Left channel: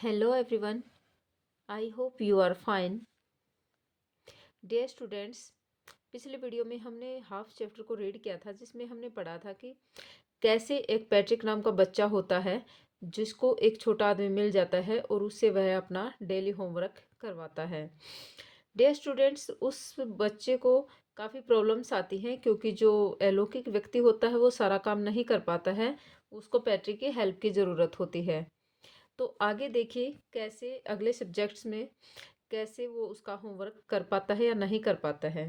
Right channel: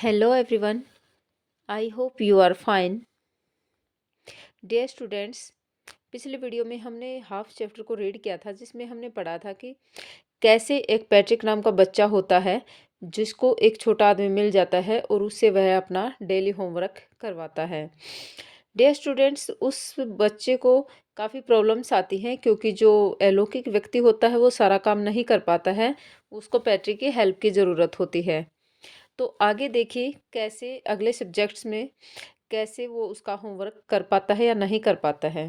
Hello everyone, I hope you are fine. Dear students, पिछले video में हमने half chapter को रीड किया था जिसमें हमने पढ़ा था कि कैसे एक पैट्रिक नाम का बच्चा होता है जिसको एक छोटा आदमी मिल जाता है और उससे वह अपना डेली होमवर्क करवाता है। डियर स्टूडेंट्स, उस बच्चे को काफ़ी प्रॉब्लम्स आती हैं क्योंकि जो अलौकिक व्यक्ति होता है वो सारा काम नहीं कर पाता है, उसको पैट्रिक की हेल्प की ज़रूरत होती है। तो आगे देखिए कैसे अगले सब्जेक्ट्स में कैसे वो उसका होमवर्क कर पाता है या नहीं कर पाता है।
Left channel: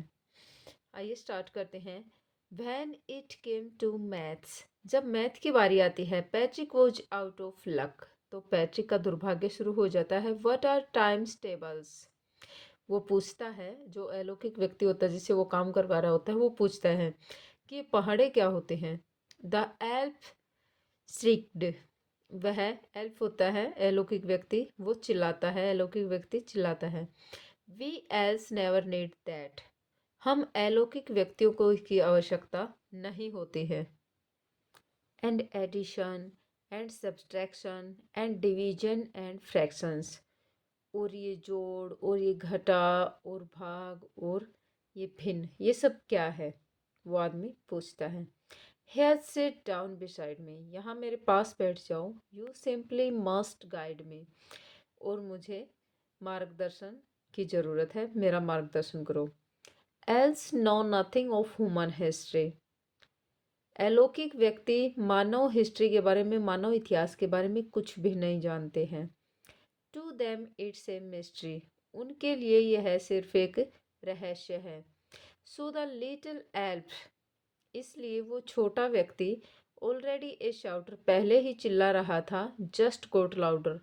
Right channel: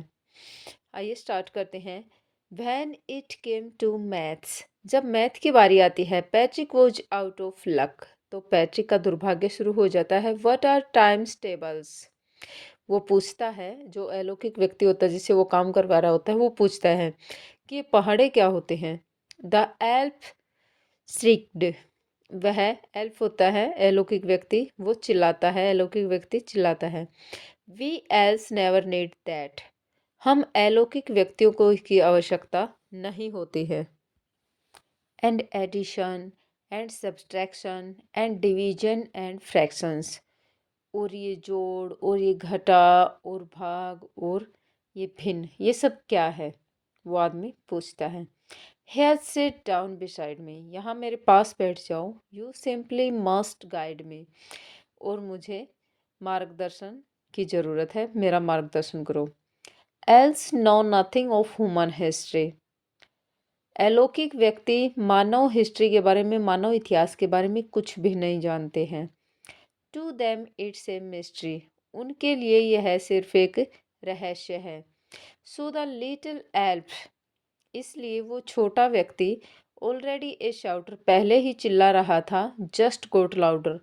आइए स्टार्ट करते हैं। When it came to maths, जब मैथ की बारी आती है, Patrick was out of luck, तो पैट्रिक का दुर्भाग्य शुरू हो जाता है। व्हाट आर टाइम्स टेबल्स, वो पूछता है, जो अलौकिक व्यक्ति होता है जिससे वो काम करवा रहा होता है वो पूछता है कि ये पहाड़े क्या होते हैं। द एल्फ श्रिक्ड, वह एल्फ होता है अलौकिक व्यक्ति, वो चिल्लाता है, अलौकिक व्यक्ति चिल्लाता है। We elves never need that, हम अलौकिक व्यक्तियों को की आवश्यकता नहीं होती है। And addition and subtraction and division and fractions, और ये जोड़ और ये घटा और भाग और ये भिन्न, ये सब क्या है, वो आदमी पूछता है। Here sit down beside me, यहाँ मेरे पास बैठ जाओ। You simply must guide me, और मुझे मार्गदर्शन की ज़रूरत है, मेरा मार्गदर्शन करो। Elves know nothing of human history, अलौकिक व्यक्ति मानव हिस्ट्री के बारे में, मानव इतिहास के बारे में कुछ भी नहीं जानते हैं। To them it's a mystery, उनके लिए यह सिर्फ एक रहस्य है। सो द लिटिल एल्फ, इसलिए वो छोटा व्यक्ति, ऑलरेडी ए शाउटर, पहले ही चिल्ला रहा था, जस्ट गोट लाउडर,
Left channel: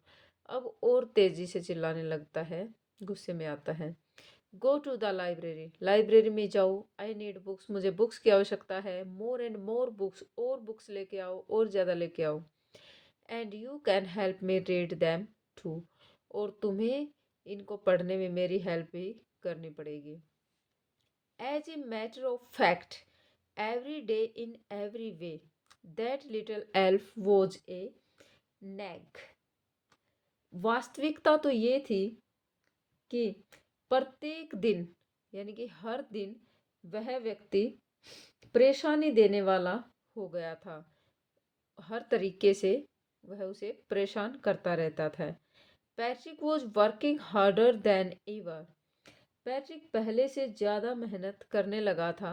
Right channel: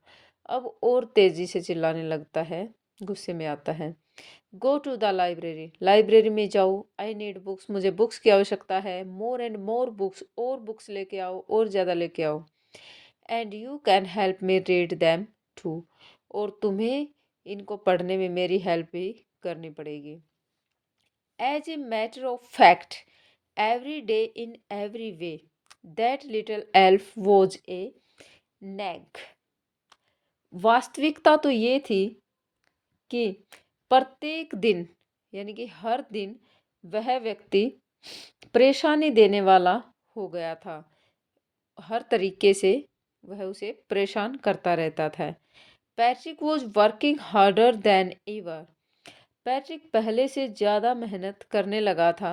अब और तेजी से चिल्लाने लगता है, गुस्से में आता है। Go to the library, library में जाओ। आई नीड बुक्स, मुझे बुक्स की आवश्यकता है। मोर एंड मोर बुक्स, और बुक्स लेके आओ, और ज़्यादा लेके आओ। And you can help me read them too, और तुम्हें इनको पढ़ने में मेरी हेल्प भी करनी पड़ेगी। As a matter of fact, every day in every way, that little elf was a nag, वास्तविकता तो ये थी कि प्रत्येक दिन, यानी कि हर दिन, वह व्यक्ति परेशानी देने वाला हो गया था। हर तरीके से वह उसे परेशान करता रहता था। Patrick was working harder than ever, Patrick पहले से ज़्यादा मेहनत करने लगा था।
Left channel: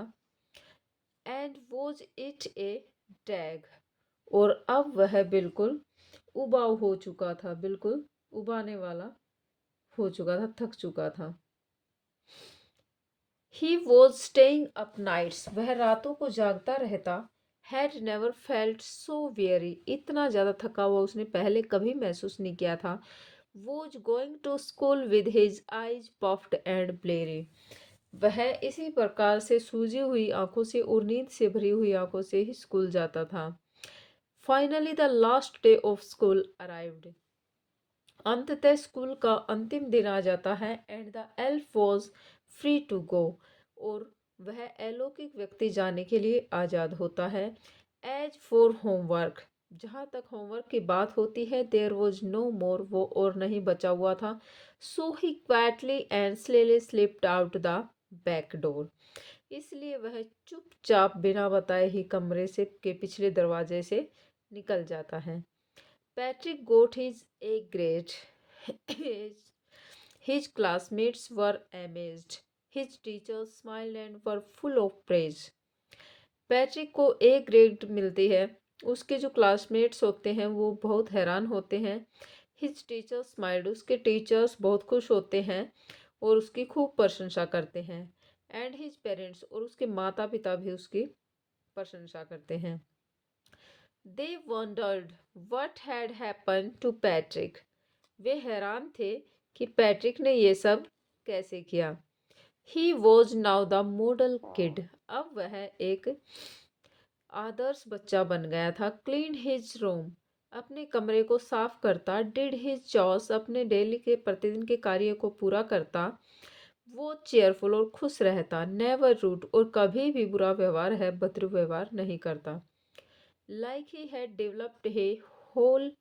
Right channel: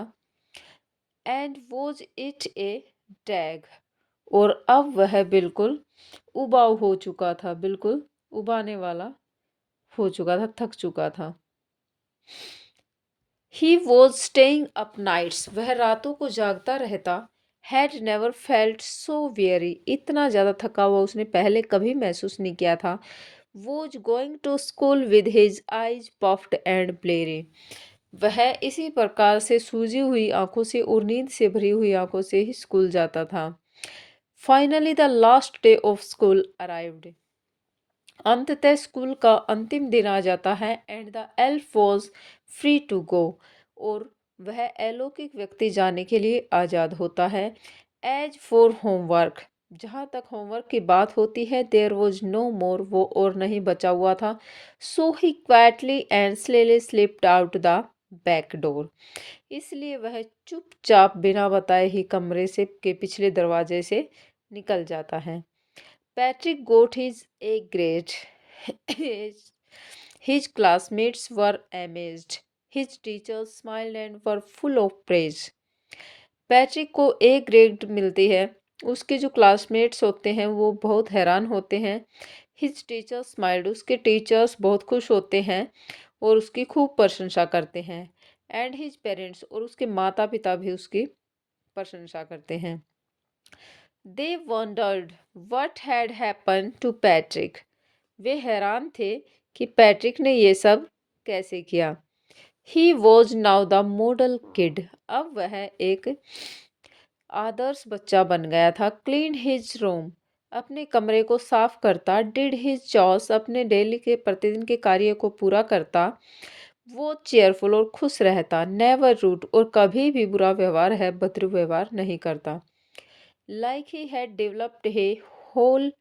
And was it A tag, और अब वह बिल्कुल उबाऊ हो चुका था, बिल्कुल उबाने वाला हो चुका था, थक चुका था। He was staying up nights, वह रातों को जागता रहता। Had never felt so weary, इतना ज़्यादा थका हुआ उसने पहले कभी महसूस नहीं किया था। Was going to school with his eyes puffed and bleary, वह इसी प्रकार से सूजी हुई आंखों से और नींद से भरी हुई आंखों से ही स्कूल जाता था। Finally the last day of school arrived, अंततः स्कूल का अंतिम दिन आ जाता है। And the elf was free to go, और वह अलौकिक व्यक्ति जाने के लिए आज़ाद होता है। एज फॉर होमवर्क, जहाँ तक होमवर्क की बात होती है, देयर वॉज नो मोर, वो और नहीं बचा हुआ था। So he quietly and slyly slipped out the back door, इसलिए वह चुपचाप बिना बताए ही कमरे से के पिछले दरवाजे से निकल जाता है। Patrick got his A grade, his classmates were amazed, his teachers smiled and were full of praise. Patrick को ए ग्रेड मिलती है, उसके जो क्लासमेट्स होते हैं वो बहुत हैरान होते हैं। हिज टीचर्स स्माइल्ड, उसके टीचर्स बहुत खुश होते हैं और उसकी खूब प्रशंसा करते हैं। एंड हिज पेरेंट्स, और उसके माता पिता भी उसकी प्रशंसा करते हैं। They wondered what had happen to Patrick, वे हैरान थे कि पैट्रिक ने ये सब कैसे किया। He was now the model kid, अब वह एक आदर्श बच्चा बन गया था। क्लीन हिज रूम, अपने कमरे को साफ करता। डिड हिज चॉर्स, अपने डेली के प्रतिदिन के कार्य को पूरा करता। वो चेयरफुल और खुश रहता। नेवर रूड, और कभी भी बुरा व्यवहार है भद्र व्यवहार नहीं करता। Like he had developed a whole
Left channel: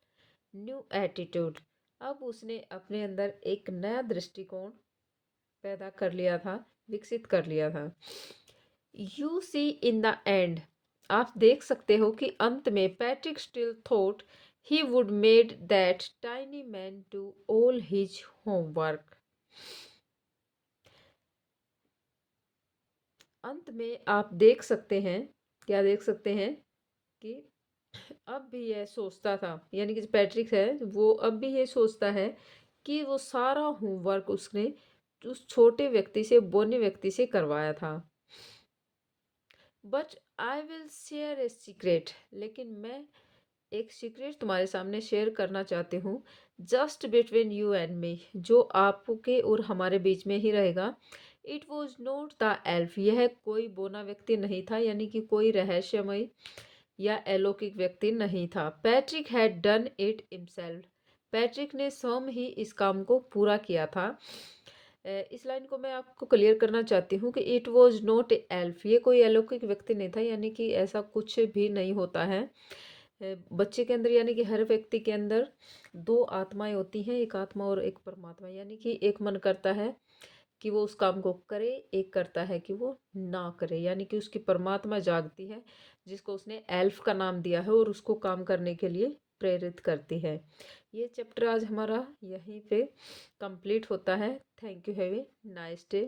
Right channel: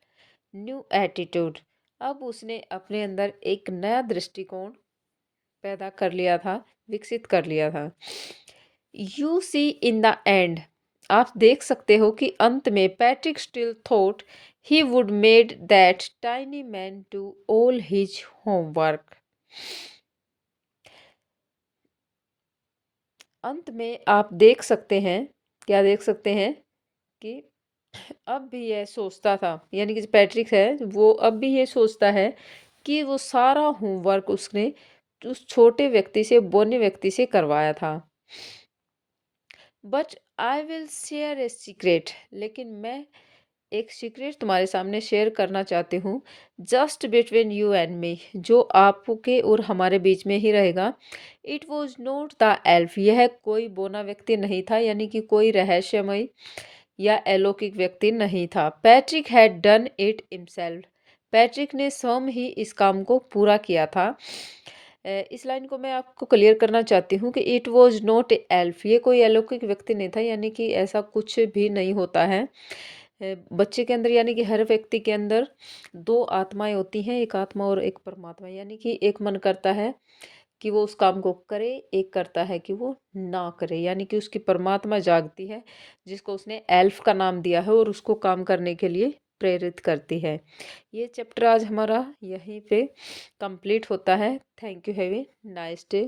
new attitude, अब उसने अपने अंदर एक नया दृष्टिकोण पैदा कर लिया था, विकसित कर लिया था। You see in the end, आप देख सकते हो कि अंत में Patrick still thought he would made that tiny man do all his homework. अंत में आप देख सकते हैं, क्या देख सकते हैं कि अब भी यह सोचता था, यानी कि जो पैट्रिक है वो अब भी ये सोचता है कि वो सारा होमवर्क उसने उस छोटे व्यक्ति से, बोने व्यक्ति से करवाया था। But I will share a secret, लेकिन मैं एक सीक्रेट तुम्हारे सामने शेयर करना चाहती हूँ, just between you and me, जो आपके और हमारे बीच में ही रहेगा। It was not the elf, यह कोई बोना व्यक्ति नहीं था, यानी कि कोई रहस्यमय या अलौकिक व्यक्ति नहीं था। Patrick had done it himself, Patrick ने स्वयं ही इस काम को पूरा किया था। इस लाइन को मैं आपको क्लियर करना चाहती हूँ कि इट वॉज नॉट एल्फ, ये कोई अलौकिक व्यक्ति नहीं था, यानी कि ऐसा कुछ भी नहीं होता है। बच्चे के अंदर, यानी कि हर व्यक्ति के अंदर दो आत्माएं होती हैं, एक आत्मा और एक परमात्मा, यानी कि एक मन करता है कि वो उस काम को करे, एक करता है कि वो ना करे, यानी कि उसकी परमात्मा जागती है, जिसको उसने एल्फ का नाम दिया है और उसको काम करने के लिए प्रेरित करती है। ये चैप्टर आज हमारा यहीं पे कंप्लीट होता है। Thank you, have a nice day.